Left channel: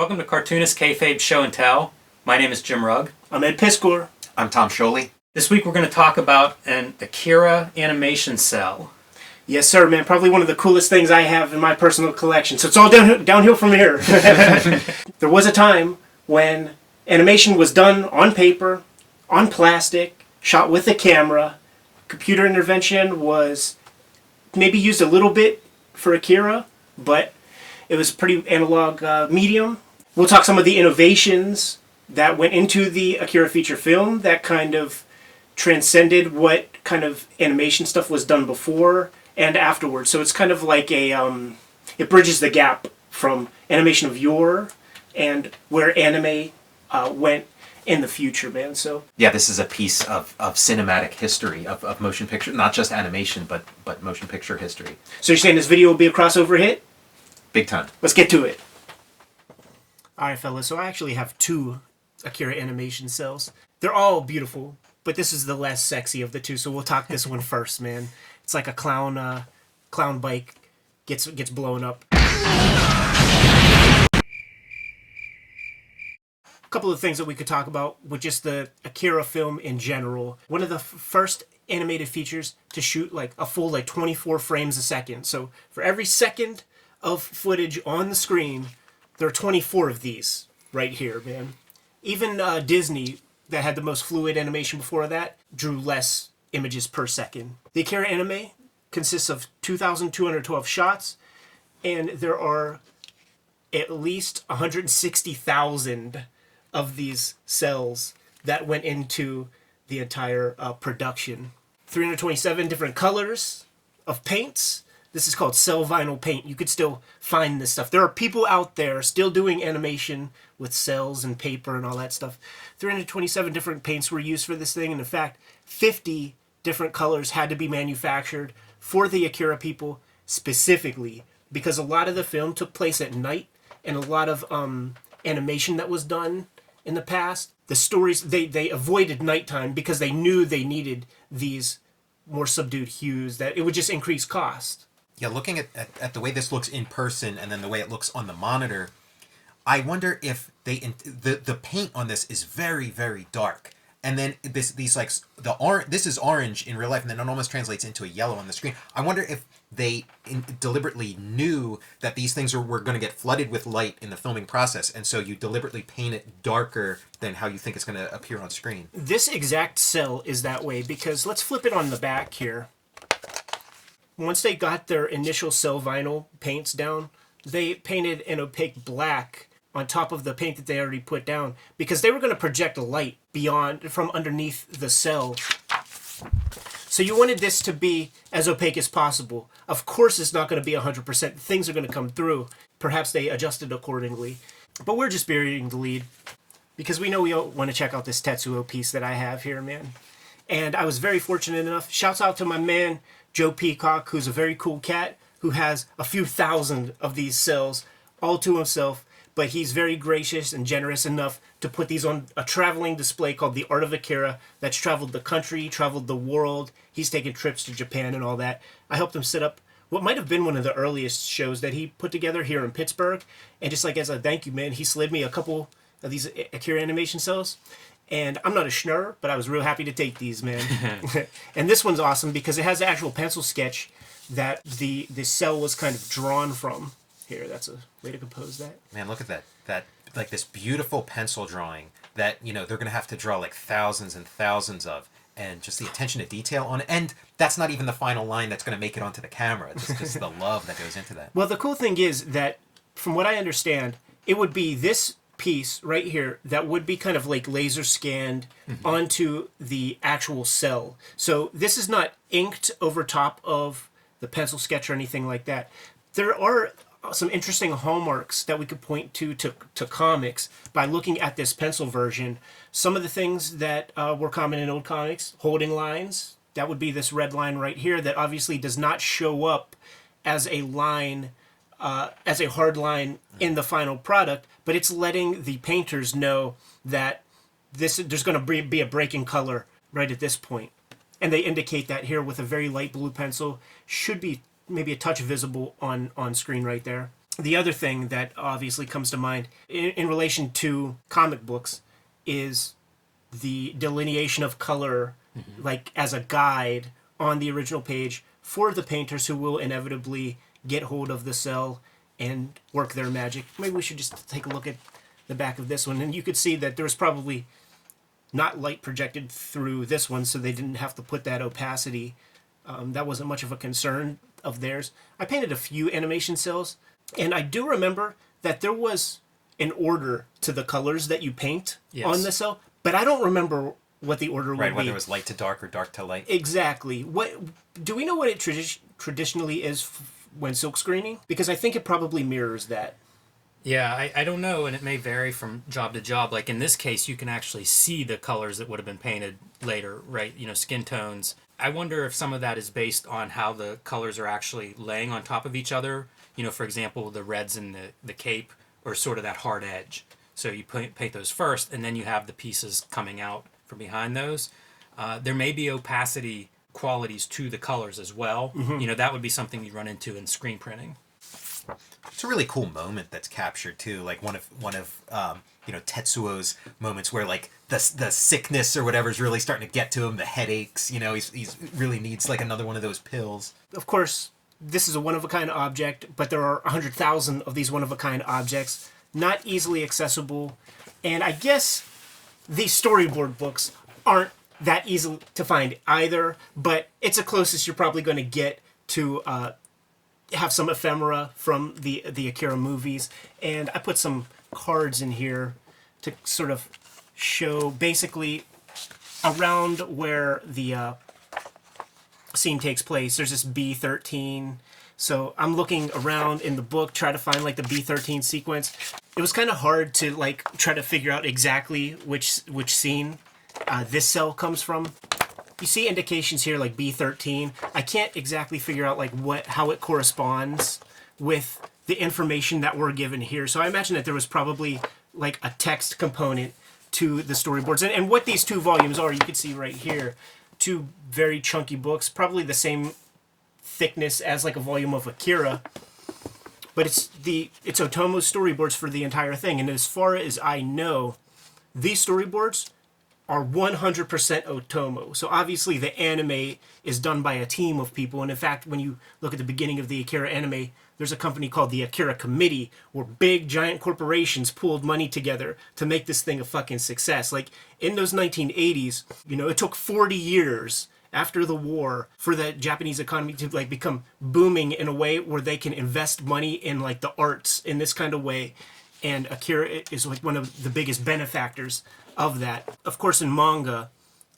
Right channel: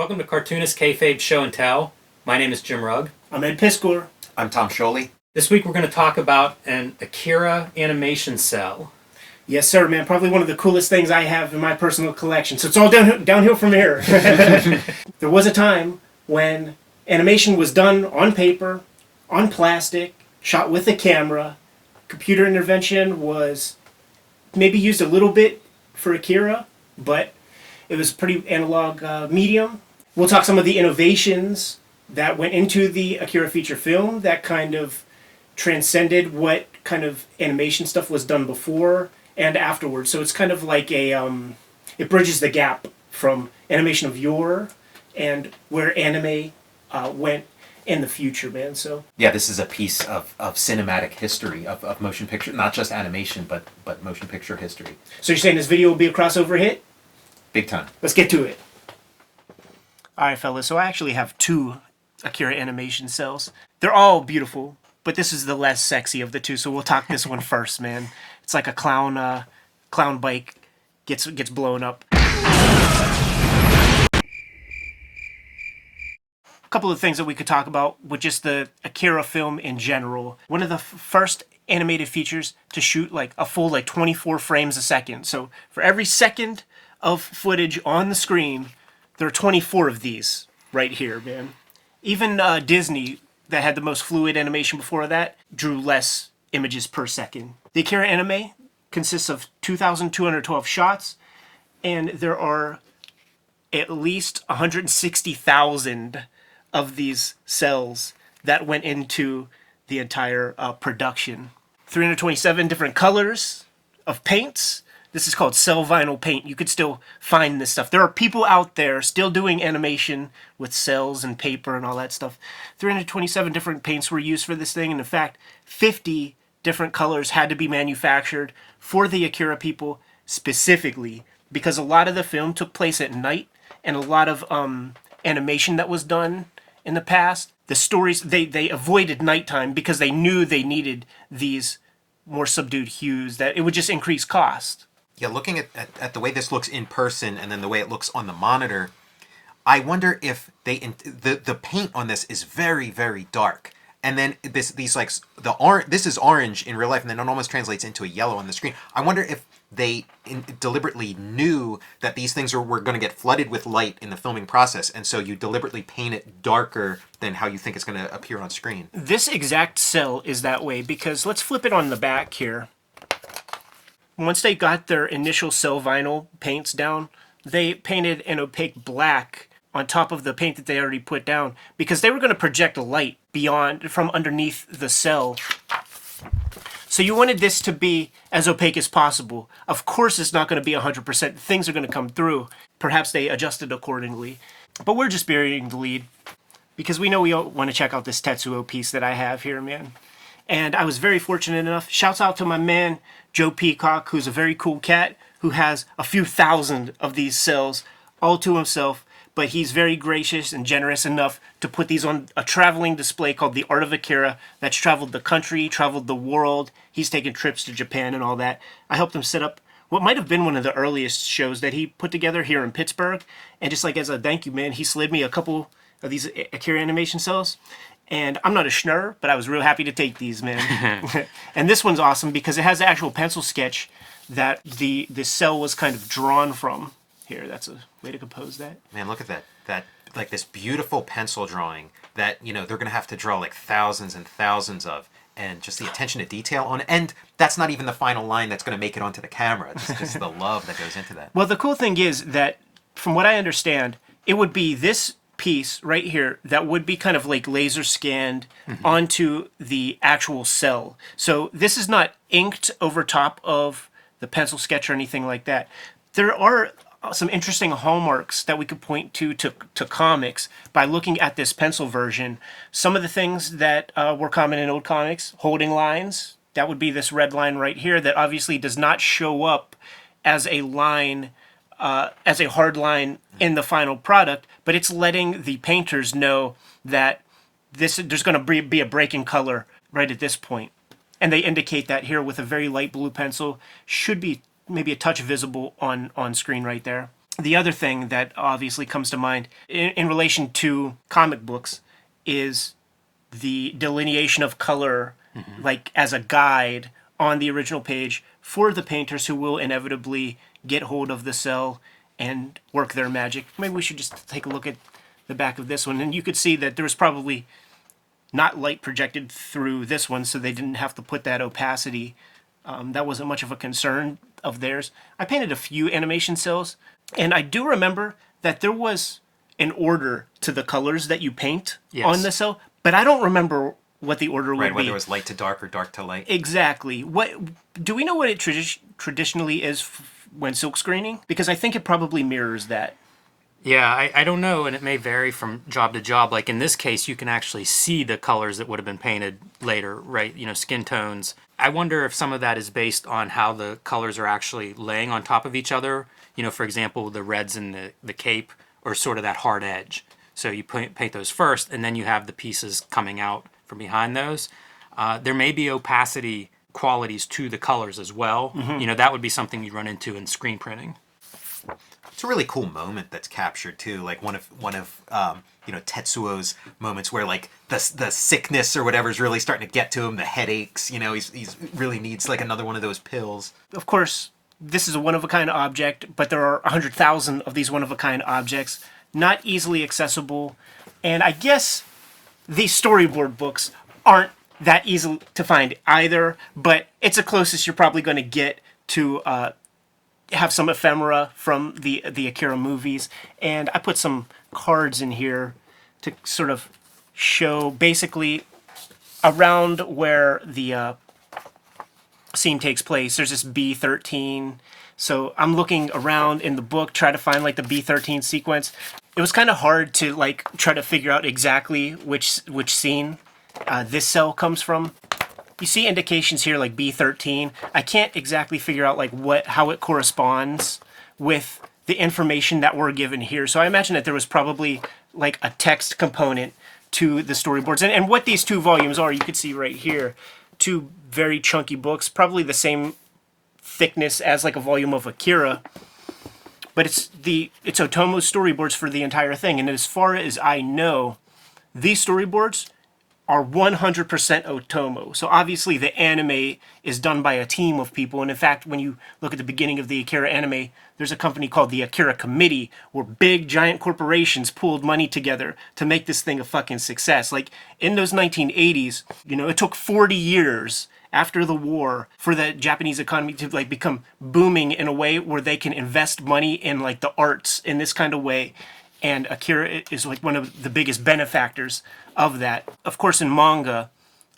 Welcome to Cartoonist Kayfabe Show and Tell. My name is Jim Rugg. I'm Ed Piskor. I'm Tom Scioli. This week we're going to talk about an Akira animation cell. Yes, sir, man. Probably one of the coolest things I have in my personal collection. So it's all downhill from here. There was a time when animation was done on paper, on plastic, shot with a camera. Computer intervention was maybe used a little bit for Akira, but it was pretty analog medium. We'll talk some of the innovations that went into the Akira feature film that kind of transcended what kind of animation stuff was done before and afterwards. So it's kind of like it bridges the gap from animation of yore and where anime went in the future, man. So yeah, this is a piece of cinematic history of motion picture, not just animation, but motion picture history. So you're saying this video will be a crossover hit? Big time. Let's get to it. All right, fellas. So I actually have two Akira animation cells. They're all beautiful, but this is the less sexy of the two. So we'll talk this one first, man. It's like a clown bike gets blown up. A couple of things that we could talk about with just the Akira film in general. One of the first animated features to shoot like a full 24 frames a second. So for every second of footage on the screen, there are 24 of these right here, man. Even Disney, that had the most fluid animation before that, drew less images per second. The Akira anime consists of 2,212 shots, and there are at least 160,000 of these cells that went into the entire production. 327 different colors of paints. This is called cell vinyl paint. You could still find this stuff. There are people out there still doing animation with cells and paper and all that stuff. 327 different paints were used for this thing, and in fact, 50 different colors had to be manufactured for the Akira people specifically, because a lot of the film took place at night, and a lot of animation that was done in the past, the stories, they avoided nighttime because they knew they needed these more subdued hues, that it would just increase cost. Yeah, looking at the way this looks in person and then the way it looks on the monitor, I wonder if the paint on this is very, very dark. And then this is orange in real life, and then it almost translates into a yellow on the screen. I wonder if they deliberately knew that these things were going to get flooded with light in the filming process, and so you deliberately paint it darker than how you think it's going to appear on screen. This exact cell is that way because let's flip it on the back here. Once they got their initial cell vinyl paints down, they painted an opaque black on top of the paint that they already put down because they were going to project light from underneath the cell. So you wanted this to be as opaque as possible. Of course it's not going to be 100%. Things are going to come through. Perhaps they adjusted accordingly. But we're just burying the lead because we know we want to check out this Tetsuo piece that I have here, man. And I was very fortunate enough. Shouts out to my man, Joe Peacock, who's a very cool cat, who has a few thousand of these cells all to himself. But he's very gracious and generous enough to put these on a traveling display called The Art of Akira that's traveled the country, traveled the world. He's taken trips to Japan and all that. I helped him set up what might have been one of the earliest shows that he put together here in Pittsburgh. And just like as a thank you, man, he slid me a couple of these Akira animation cells. And I'm not a schnurr, but I was real happy to take these, man. And this one's awesome because it has the actual pencil sketch that the cell was kind of drawn from. Here, that's a way to compose that. Man, look at that like this beautiful pencil drawing that, they're going to have to draw like thousands and thousands of, and just the attention to detail on it. And that's not even the final line that's going to make it onto the camera. Just the love that goes into that. Well, the cool thing is that, from what I understand, it would be this piece right here that would be kind of like laser scanned onto the actual cell. So this is not inked over top of the pencil sketch or anything like that. There are some interesting hallmarks that we could point to comics by looking at this pencil version. Some of the things that were common in old comics, holding lines, that would be this red line right here that obviously does not show up as a line, as a hard line in the final product, but it's letting the painters know that there's going to be a break in color right at this point. And they indicate that here with a very light blue pencil. Should be maybe a touch visible on screen right there. The other thing that obviously comes to mind in relation to comic books is the delineation of color, like as a guide on the original page for the painters who will inevitably get hold of the cell and work their magic. Maybe we should just take a look at the back of this one, and you could see that there was probably not light projected through this one, so they didn't have to put that opacity. That wasn't much of a concern of theirs. I painted a few animation cells, and I do remember that there was an order to the colors that you paint on the cell, but I don't remember what the order would be. Right, whether it was light to dark or dark to light. Exactly. What do we know what it traditionally is when silk screening? Because I think it probably mirrors that. Yeah, I don't know, and it may vary from job to job. Like in this case, you can actually see the colors that would have been painted later, right? You know, skin tones. I wonder if some of that is based on how the colors are actually laying on top of each other. You know, for example, the reds in the cape are sort of that hard edge. So you paint those first, and then you have the pieces coming out from behind those. There may be opacity qualities to the colors as well. You know, that would be something you'd run into in screen printing. It's a really cool moment that's captured too, like one of you know, Tetsuo's moments where like the sickness or whatever is really starting to get to him, the headaches. You know, he's really needs like another one of those pills. Of course, this is a one-of-a-kind object, but there are 100,000 of these one-of-a-kind objects, not easily accessible, and I guess these storyboard books aren't that easy to find either, but it's the closest you're probably going to get to have some ephemera from the Akira movies. And I put some cards in here to sort of show basically around where the scene takes place. There's this B-13. So I'm looking around in the book, try to find like the B-13 sequence. It was kind of hard to like try to figure out exactly which scene this cell comes from. You see indications here like B13. I can't exactly figure out like how it corresponds with the information that we're given here. So I imagine that there was probably like a text component to the storyboards. And what these two volumes are, you can see right here, two very chunky books, probably the same thickness as like a volume of Akira. But it's Otomo's storyboards for the entire thing. And as far as I know, these storyboards are 100% Otomo. So obviously the anime is done by a team of people. And in fact, when you look at the beginning of the Akira anime, there's a company called the Akira Committee where big giant corporations pooled money together to make this thing a fucking success. Like in those 1980s, you know, it took 40 years after the war for the Japanese economy to like become booming in a way where they can invest money in like the arts in this kind of way. And Akira is like one of the biggest benefactors of that. Of course, in manga,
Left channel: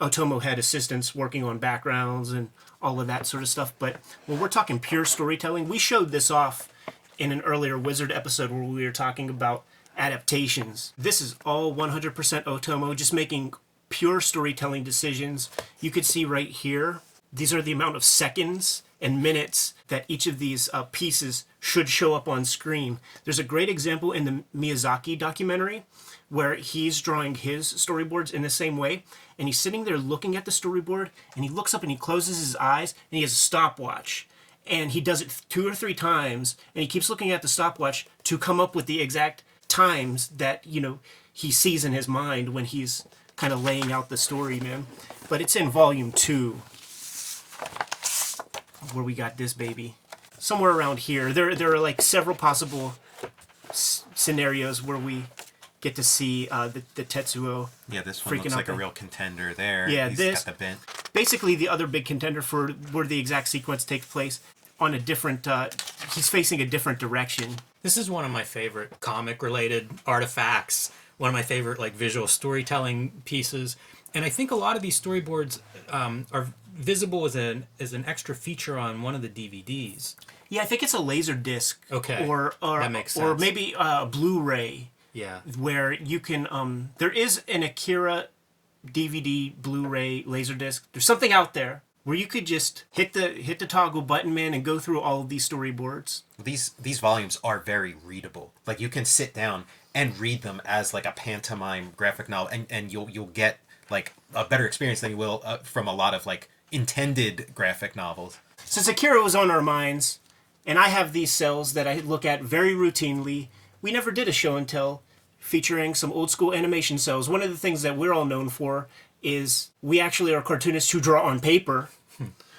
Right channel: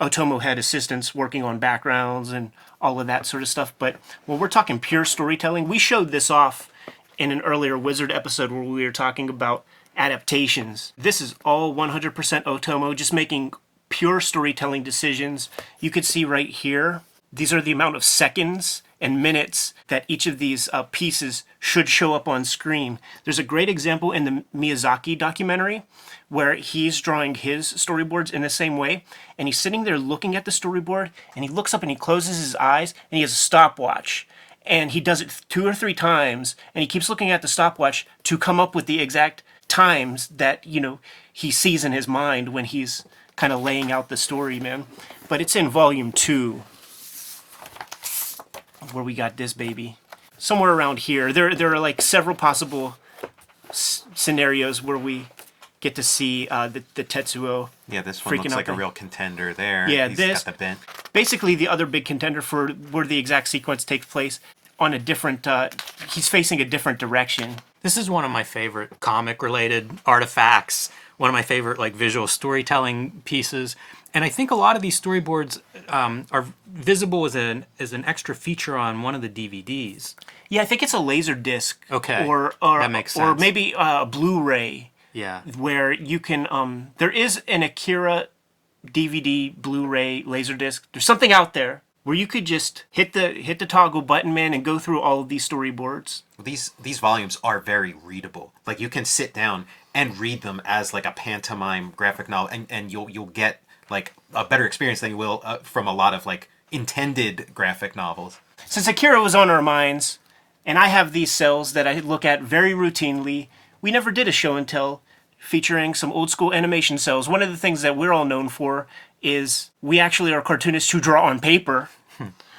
Otomo had assistants working on backgrounds and all of that sort of stuff. But when we're talking pure storytelling, we showed this off in an earlier Wizard episode where we were talking about adaptations. This is all 100% Otomo, just making pure storytelling decisions. You could see right here, these are the amount of seconds and minutes that each of these pieces should show up on screen. There's a great example in the Miyazaki documentary where he's drawing his storyboards in the same way, and he's sitting there looking at the storyboard, and he looks up and he closes his eyes, and he has a stopwatch. And he does it 2 or 3 times, and he keeps looking at the stopwatch to come up with the exact times that, you know, he sees in his mind when he's kind of laying out the story, man. But it's in volume 2. Where we got this baby. Somewhere around here. There are like several possible scenarios where we get to see the Tetsuo. Yeah, this one looks like a real contender there. Yeah, He's got the bent. Basically, the other big contender for where the exact sequence takes place on a different. He's facing a different direction. This is one of my favorite comic-related artifacts. One of my favorite like visual storytelling pieces. And I think a lot of these storyboards are visible as an extra feature on one of the DVDs. Yeah, I think it's a laser disc. Okay, or that makes sense. Or maybe a Blu-ray. Yeah. Where you can there is an Akira DVD Blu-ray Laserdisc. There's something out there where you could just hit the toggle button, man, and go through all of these storyboards. These volumes are very readable. Like you can sit down and read them as like a pantomime graphic novel, and you'll get like a better experience than you will from a lot of like intended graphic novels. Since Akira was on our minds, And I have these Cels that I look at very routinely. We never did a show and tell featuring some old school animation Cels. One of the things that we're all known for is we actually are cartoonists who draw on paper.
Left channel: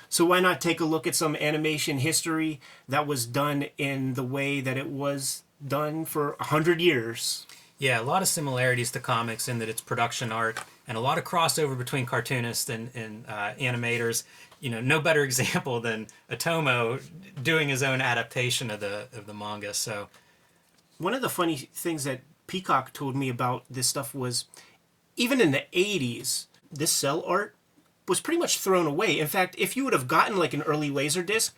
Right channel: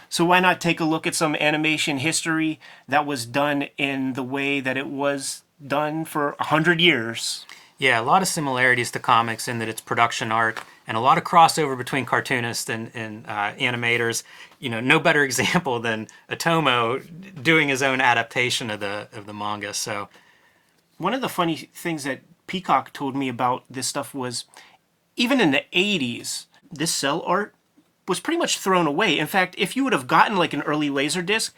So why not take a look at some animation history that was done in the way that it was done for 100 years? Yeah, a lot of similarities to comics in that it's production art, and a lot of crossover between cartoonists and animators. You know, no better example than Otomo doing his own adaptation of the manga. So, one of the funny things that Peacock told me about this stuff was, even in the 80s, this cell art was pretty much thrown away. In fact, if you would have gotten like an early Laserdisc,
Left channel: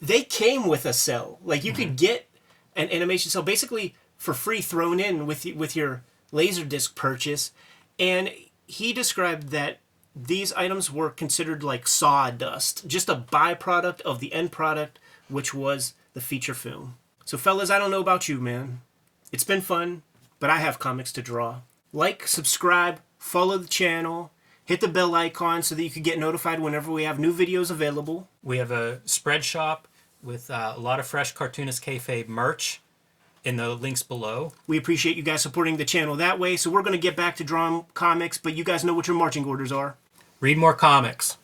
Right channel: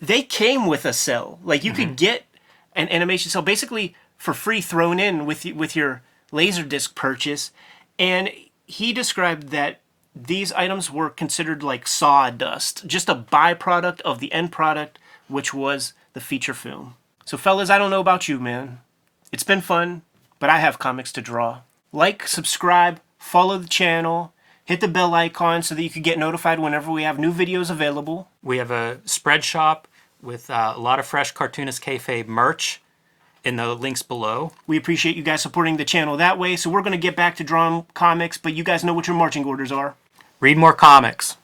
they came with a cell. Like you could get an animation cell basically for free thrown in with your Laserdisc purchase. And he described that these items were considered like sawdust, just a byproduct of the end product, which was the feature film. So fellas, I don't know about you, man. It's been fun, but I have comics to draw. Like, subscribe, follow the channel, hit the bell icon so that you can get notified whenever we have new videos available. we have a spread shop with a lot of fresh Cartoonist Kayfabe merch in the links below. We appreciate you guys supporting the channel that way, so we're going to get back to drawing comics, but you guys know what your marching orders are. Read more comics.